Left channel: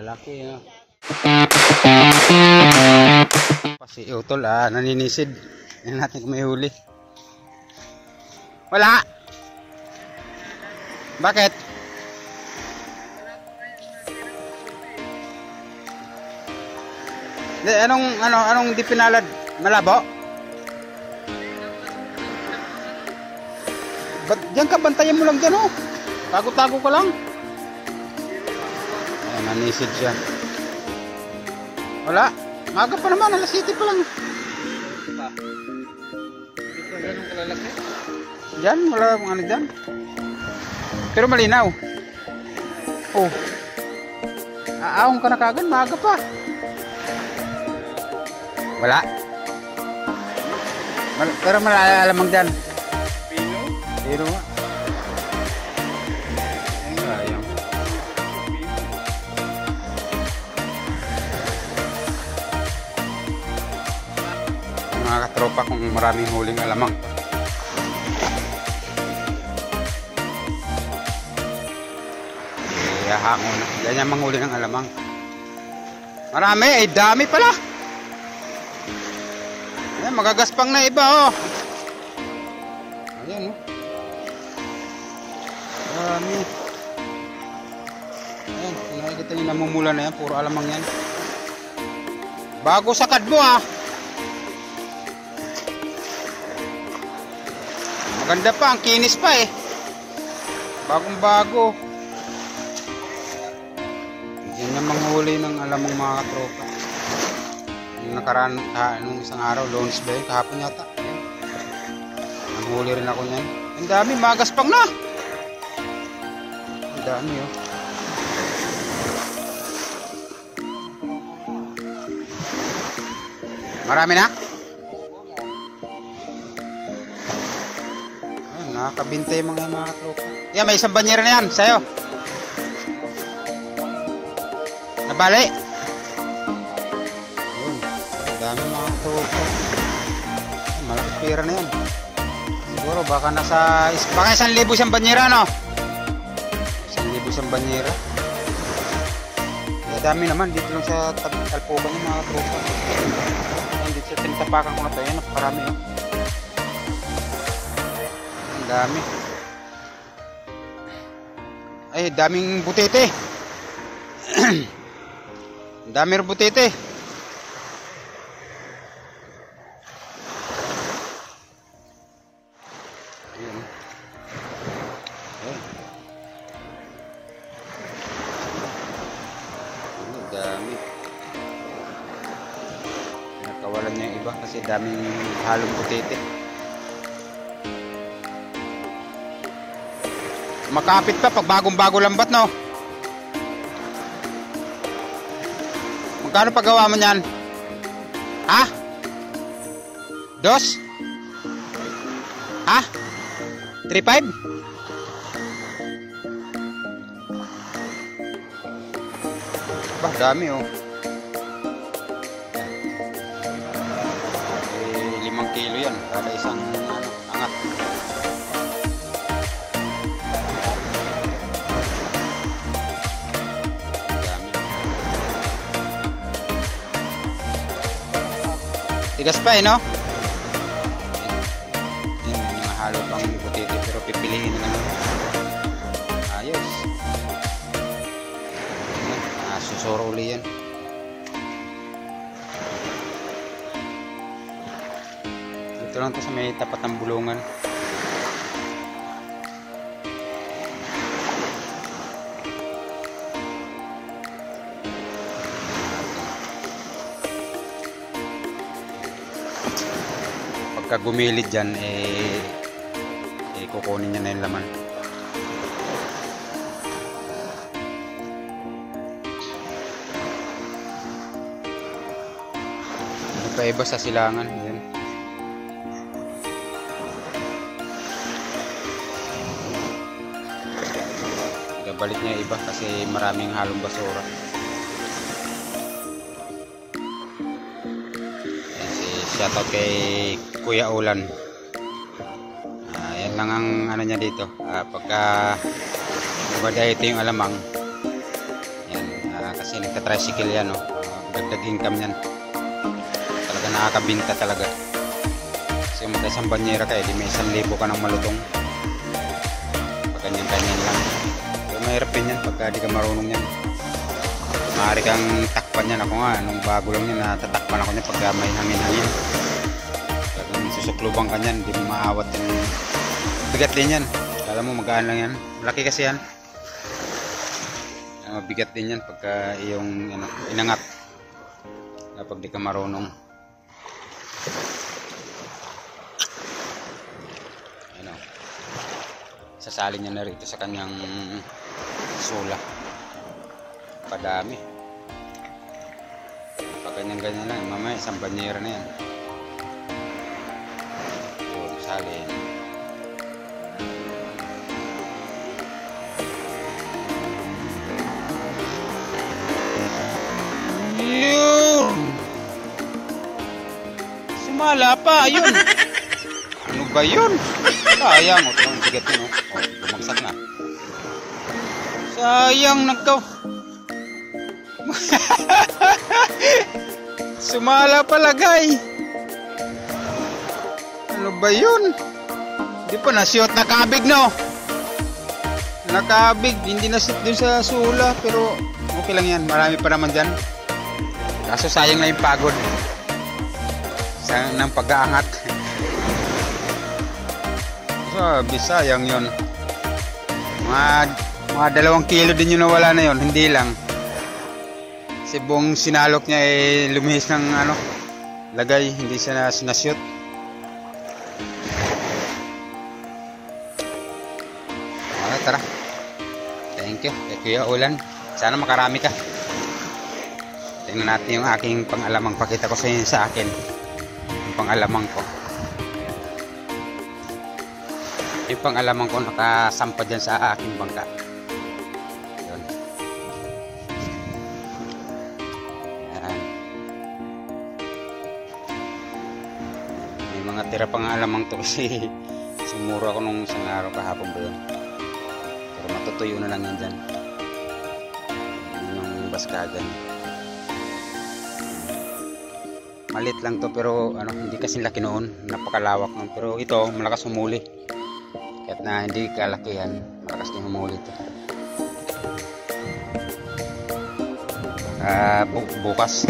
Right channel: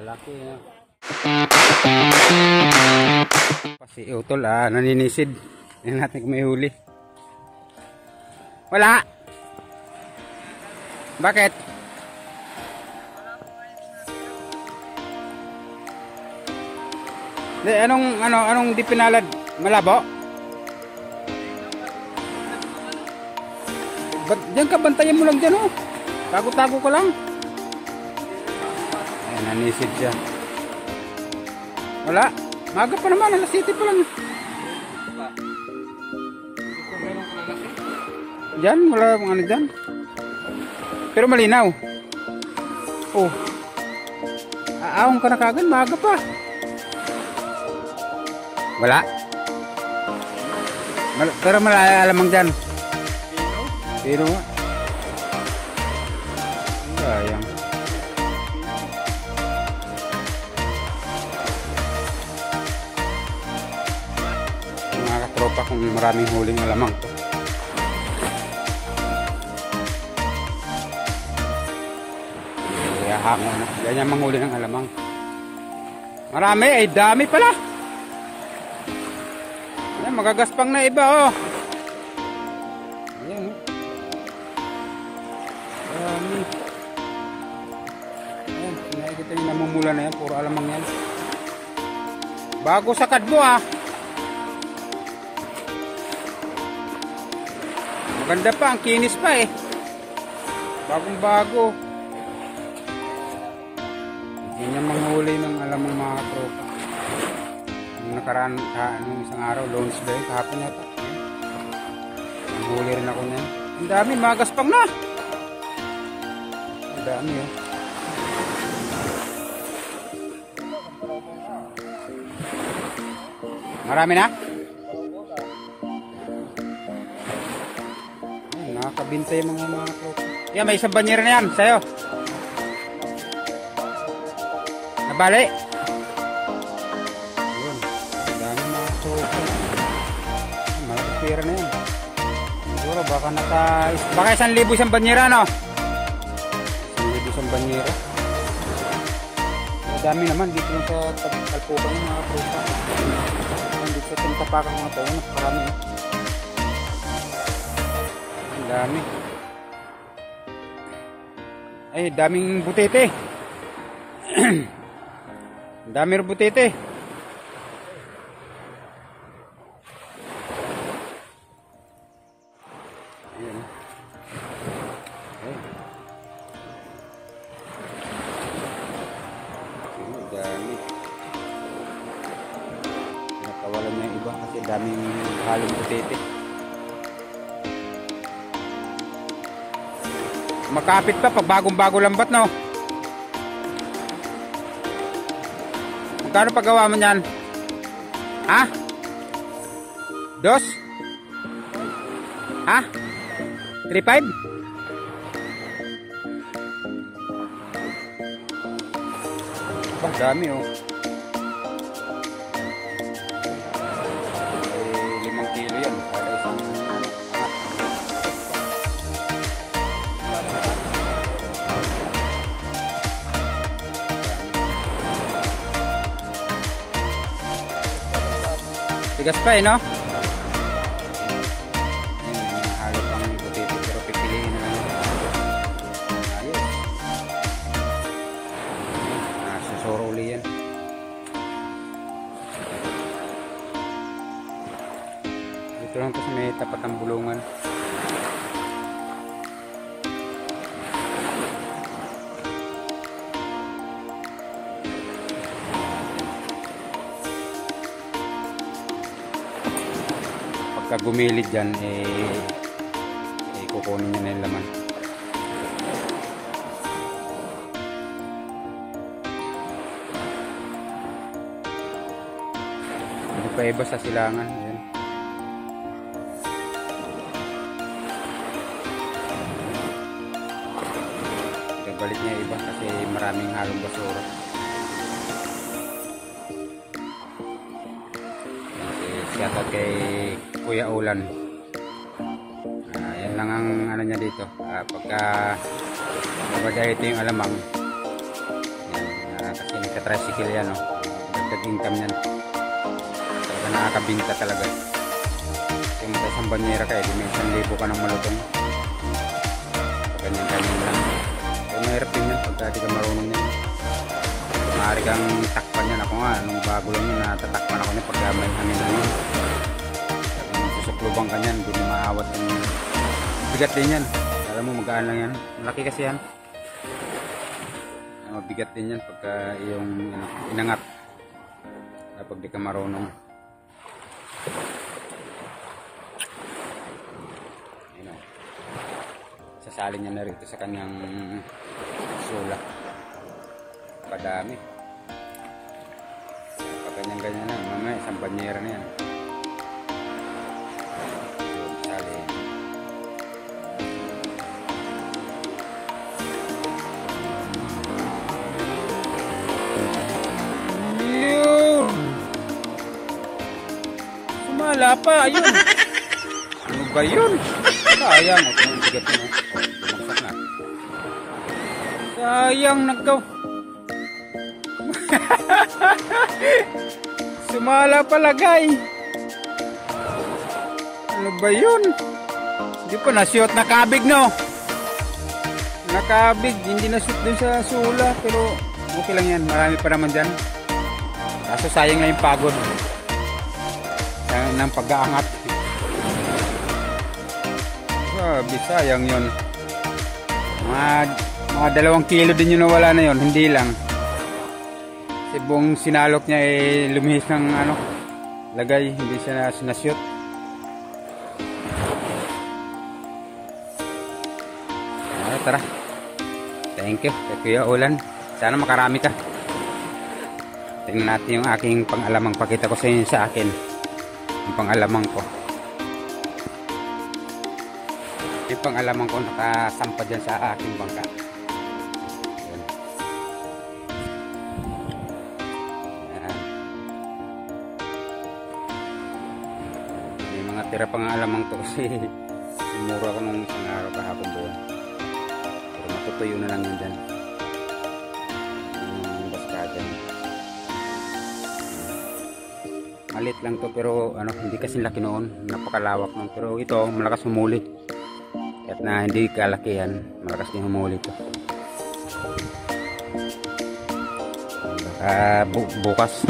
Lalaki nga. Si utol naninisid. Yan natin kung may huli. Wala. Bakit? Anong di pinalad? Malabo? Diyan ka, bantayan mo lang dyan Tago-tago ko lang. Ayan, nanisid siya. Wala. Maga pa naman, alas 7 pa lang. Diyan, wala akong ano dyan. Pero malinaw. Oh. Aahong ka na kagad, maga pa. Wala. Pero malalamang dyan. Pero nga. Sayang. Mga katropa kung maraming huling alamang to. Hango na. Ganyan manghuli ng alamang. Marami, ay dami pala. Ayan, magagaspang na iba Ayan dami. Ayan, nakikita nyo namumula na yan. Puro alamang yan. Bago sa kadbo Maganda pa, ang kinis pa Bagong bago. Yan yung manghuli ng alamang mga katropa. Yung nakaraan, nung isang araw, Lunes ba yun? Kahapon yata. Yan. Manghuli rin ako niyan. Ang dami, magaspang na. Ang dami Marami na? Ay, nakakabintay mga katropa. Yan, may isang banyera na yan, sa'yo. Nabali. Yun. Dami mga tropa. Malaki pera na yan. Siguro baka nasa 1,000 siyang banyera 1,000 siyang banyera. Dami naman dito lang sa talpukan ng mga tropa. Dito sa tinatapakan ko na tayo. Napakarami Ang dami. Ay, daming butete. Dami rin butete. Ayan. Dami. Nakawalan niya yung iba kasi daming halong butete. Makapit pa pag bagong-bago lambat Magkano paggawa mo niyan? Ha? 2? Ha? 3.5? Bah, dami 5 kilo yan kada isang angat. Tigas pa no? May mga halo pang butete pero pipiliin na lang yun. Ayos. Susuro uli yan. Dito lang to sa may tapat ng bulungan. Pagka gumilid dyan kukunin na yung laman. Hindi pa iba sa silangan yan. Balik niya iba kasi maraming halong basura. Shoutout kay Kuya Ulan. Yan lang ang ano niya dito. Pagka nabadahito yung alamang yan, kasi tricycle yan, oh. Dagdag income yan. Talaga nakakabinta talaga. Kasi kung isang banyera ka, di may 1,000 ka ng malutong. Pag ganyan-ganyan lang. Pero mahirap din yan pagka di ka marunong yan. Maaari kang takpan yan. Ako nga, nung bago lang yan, natatakpan ako yan pagka may hangin-hangin. Kung susukluban ka yan, di mo maawat yan. Bigat din yan. Alam mo, magaan lang yan. Malaki kasi yan. Mabigat din yan pagka iyong inangat. Kapag di ka marunong. Ayan o. Sasalin niya na rito sa kanyang sula. Padami. Pag ganyan-ganyan lang, mamaya isang banyera na yan. Yun, salin. Yun! Sumala pa, ayun! Ano ba yun? Sayang, o, ito bigat yun, o. Bumagsak na. Sayang, nagkaw. Sumala pala, guy. Ano ba yun? Hindi pa nasiyot, nakabig, no? Nakabig, hindi nasiyot dun sa sula, pero okay lang yan, marami pa naman dyan. Kaso sayang lang yung pagod. Sayang ng pag-aangat. Sabi, sayang yun. Mga 2 kilo din yung nawala na yun, hindi lang. Kasi buong sinalok niya lumihis ng lagay, hindi siya nasyot. Tara. Thank you, Kuya Ulan. Sana makarami ka. Tingnan natin yung aking pang-alamang. Pakita ko sa inyo sa akin yung pang-alamang ko. Yung pang-alamang ko nakasampa dyan sa aking bangka. Yun. Yan. May mga tira pang-alamang to kasi sumura ko nung isang araw kahapon ba yun. Pero matutuyo na lang yan dyan. Yung baska dyan. Malit lang to pero hindi kasi laki noon, napakalawak noon, pero ito malakas humuli. Kahit na hindi kalaki yan, malakas din humuli to. Baka bukas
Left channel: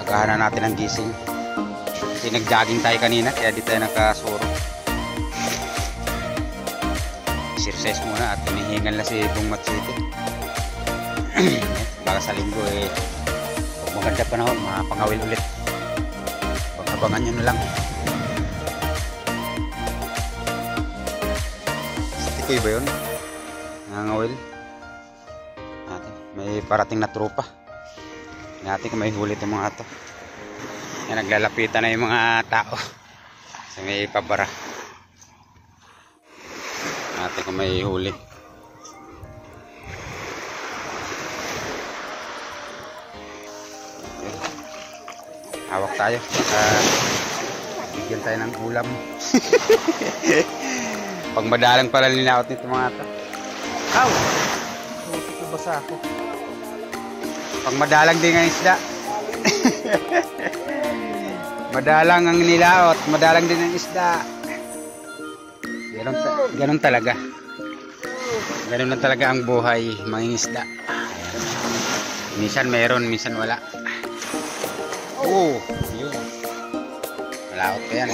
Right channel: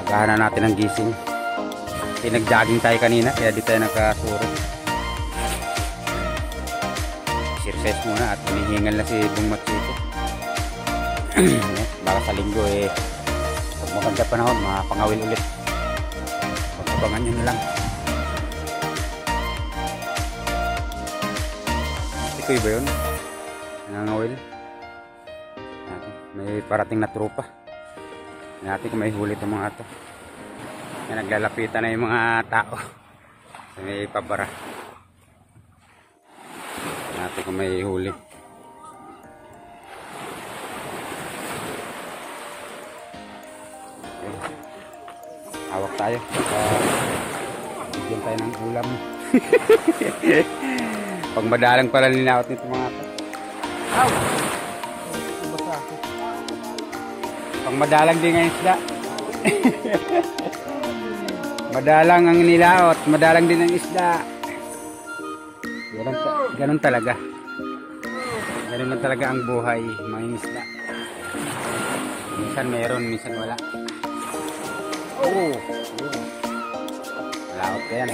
agahan na natin ang gising. Kasi nag-jogging tayo kanina kaya di tayo nakasuro. Exercise muna at hinihingal na si Bong Matsuto. Baka sa linggo pag maganda panahon mapangawil ulit. Abangan nyo na lang. Ito ba yun? Nangangawil. May parating na tropa. Natin kung may huli itong mga ito. Yan, naglalapitan na yung mga tao. Kasi may pabara. Natin kung may huli. Hawak tayo. Bigyan tayo ng ulam. Pag madalang pala linawat nito mga ito. Aw! Nabasa ako. Pag madalang din ang isda. Madalang ang nilaot. Madalang din ang isda. Ganon talaga. Ganon lang talaga ang buhay. Mga isda. Minsan meron, minsan wala. Oh, yun. Malaot ka yan.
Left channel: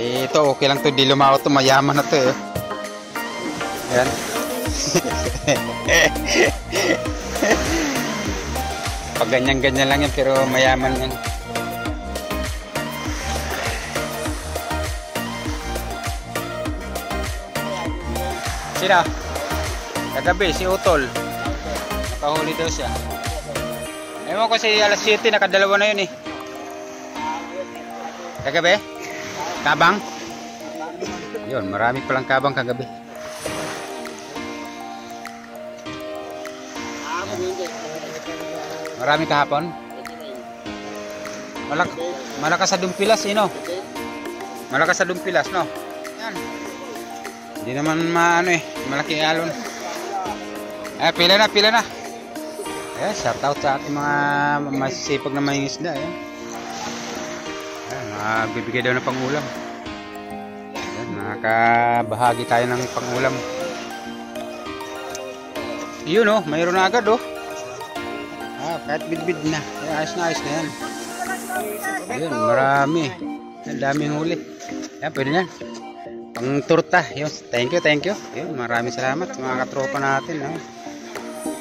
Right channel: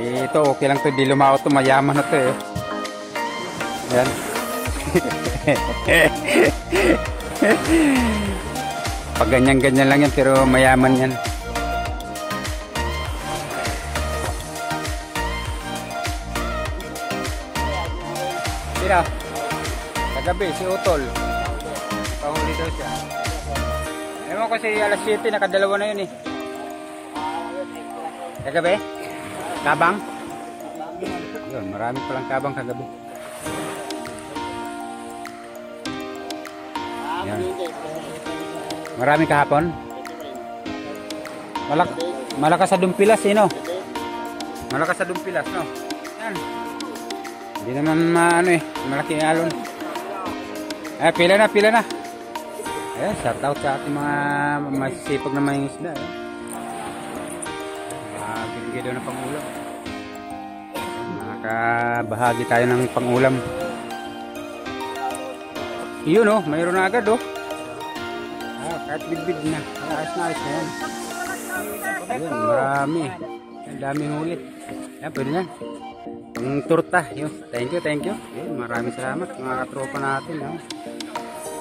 Ito, okay lang to. Di lumaot to. Mayaman na to eh. Ayan. Pag ganyan-ganyan lang yan, pero mayaman yan. Sino? Kagabi, si Utol. Nakahuli daw siya. Ewan ko si alas 7, nakadalawa na yun eh. Kagabi? Kabang? Yun, marami palang kabang kagabi. Yan. Marami kahapon? Malakas sa Dumpilas eh, no? Malakas sa Dumpilas, no? Yan. Hindi naman malaki alon. Ah, pila na. Ayan, shout out sa ating mga masisipag na mangingisda. Ayan. Bibigay daw ng pangulam. Ayan, nakakabahagi tayo ng pangulam. Yun oh, mayroon na agad oh. Kahit bidbid na. Ayos na yan. Ayun, marami. Ang daming huli. Ayan, pwede na. Pang turta. Yun, thank you. Ayun, maraming salamat sa mga katropa natin. Oh.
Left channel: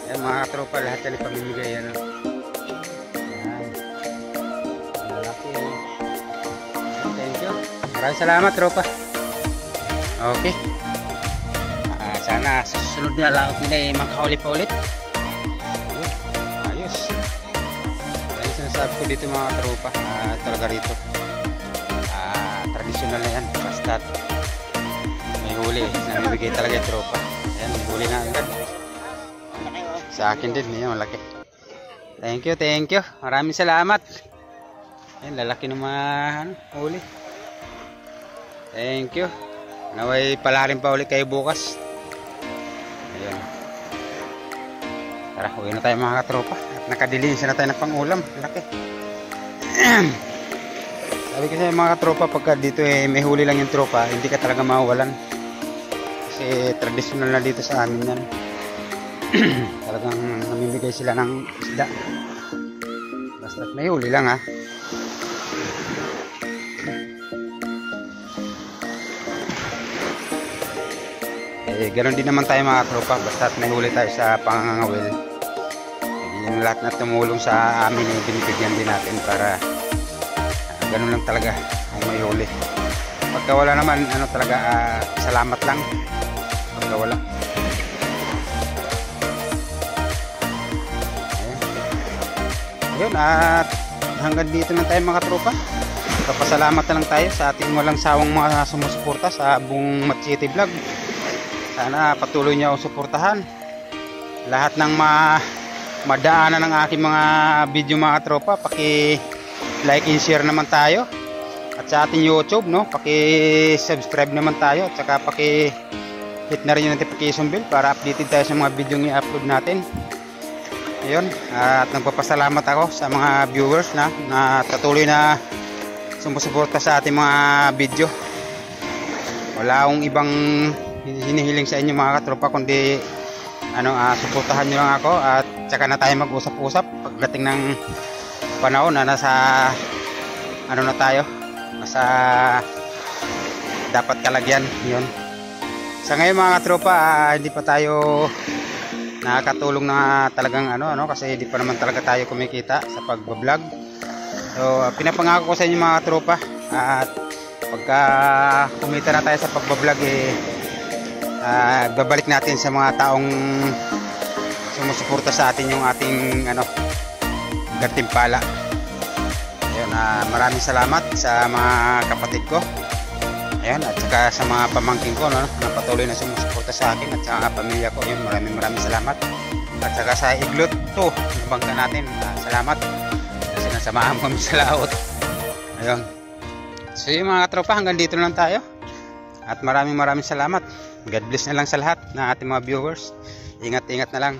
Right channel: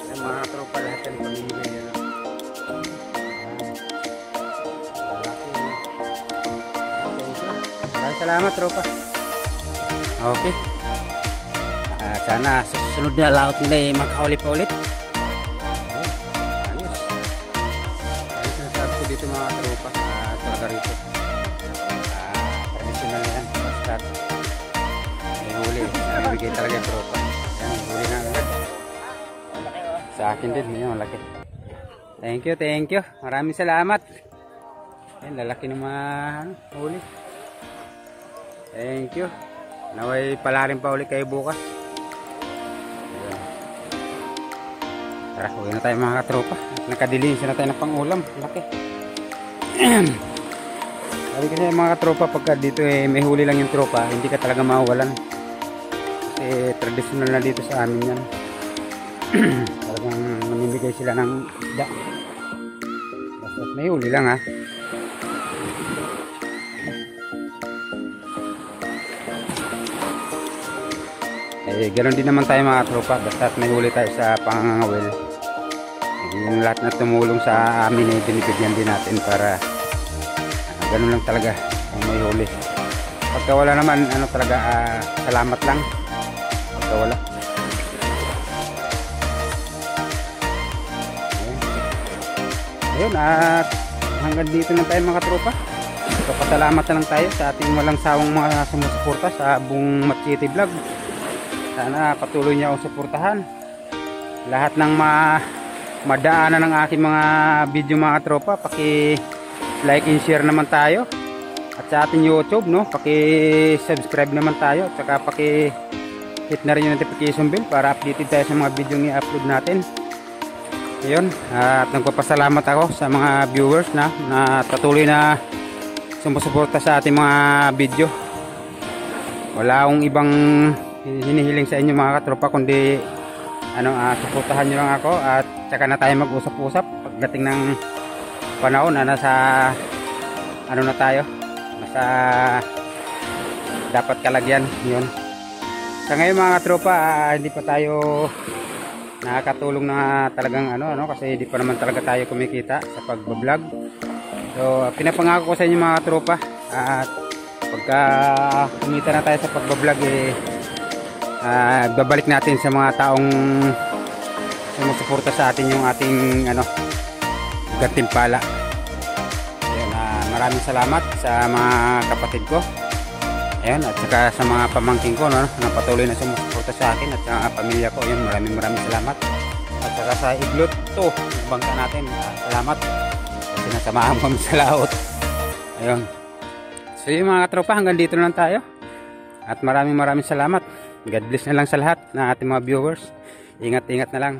Ayan, mga katropa, lahat yan ipamimigay. Ayan. Thank you. Maraming salamat, tropa. Okay. Sana sa susunod na laot nila ay makahuli pa ulit. Ayos. Ayos sinasabi ko dito mga tropa. Talaga rito. Traditional na yan. Basta may huli. Namibigay talaga yung tropa. Ayan, may huli na agad. Sa akin din. Ayan, malaki. Thank you. Maraming salamat. Ayan, lalaki ng mga huli. Thank you. Naway pala rin pa ulit kayo bukas. Ayan. Tara, uwi na tayo mga katropa. Nakadilinis na tayo ng pangulam. Laki. Sabi ko sa mga katropa, pagka dito may huli lang yung tropa, hindi ka talaga mawawalan. Kasi traditional na dito sa amin yan. Talagang namimigay sila ng isda. Basta may huli lang ha. Ganoon din naman tayo mga tropa, basta may huli tayo sa pangangawil. Yung lahat na tumulong sa amin ay binibigyan din natin para ganoon lang talaga kung may huli. Pagka wala naman, talaga, salamat lang. Pagka wala. Ayun, at hanggang dito lang tayo mga tropa. Papasalamat na lang tayo sa ating walang sawang mga sumusuporta sa buong Mat City Vlog. Sana patuloy niyo akong suportahan. Lahat ng madaanan ng aking mga video mga tropa, paki-like and share naman tayo. At sa ating YouTube, no, paki-subscribe naman tayo. At saka paki-hit na rin yung notification bell para updated tayo sa mga video na i-upload natin. Ayun, at nagpapasalamat ako sa mga viewers na patuloy na sumusuporta sa ating mga video. Wala akong ibang hinihiling sa inyo mga katropa kundi suportahan nyo lang ako at saka na tayo mag-usap-usap pagdating ng panahon na nasa na tayo, nasa dapat kalagyan. Yun, sa ngayon mga katropa, hindi pa tayo nakakatulong na talagang kasi hindi pa naman talaga tayo kumikita sa pagbablog. So pinapangako ko sa inyo mga katropa, at pagka kumita na tayo sa pagbablog, babalik natin sa mga taong sumusuporta sa atin yung ating gantimpala. Ayan, maraming salamat sa mga kapatid ko. Ayan, at saka sa mga pamangkin ko na patuloy na sumusuporta sa akin at sa mga pamilya ko. Ayan, maraming salamat. At saka sa Iglot to, bangka natin, salamat kasi nasamahan kami sa laot. Ayan. So yung mga tropa, hanggang dito lang tayo. At maraming salamat. God bless na lang sa lahat na ating mga viewers. Ingat na lang.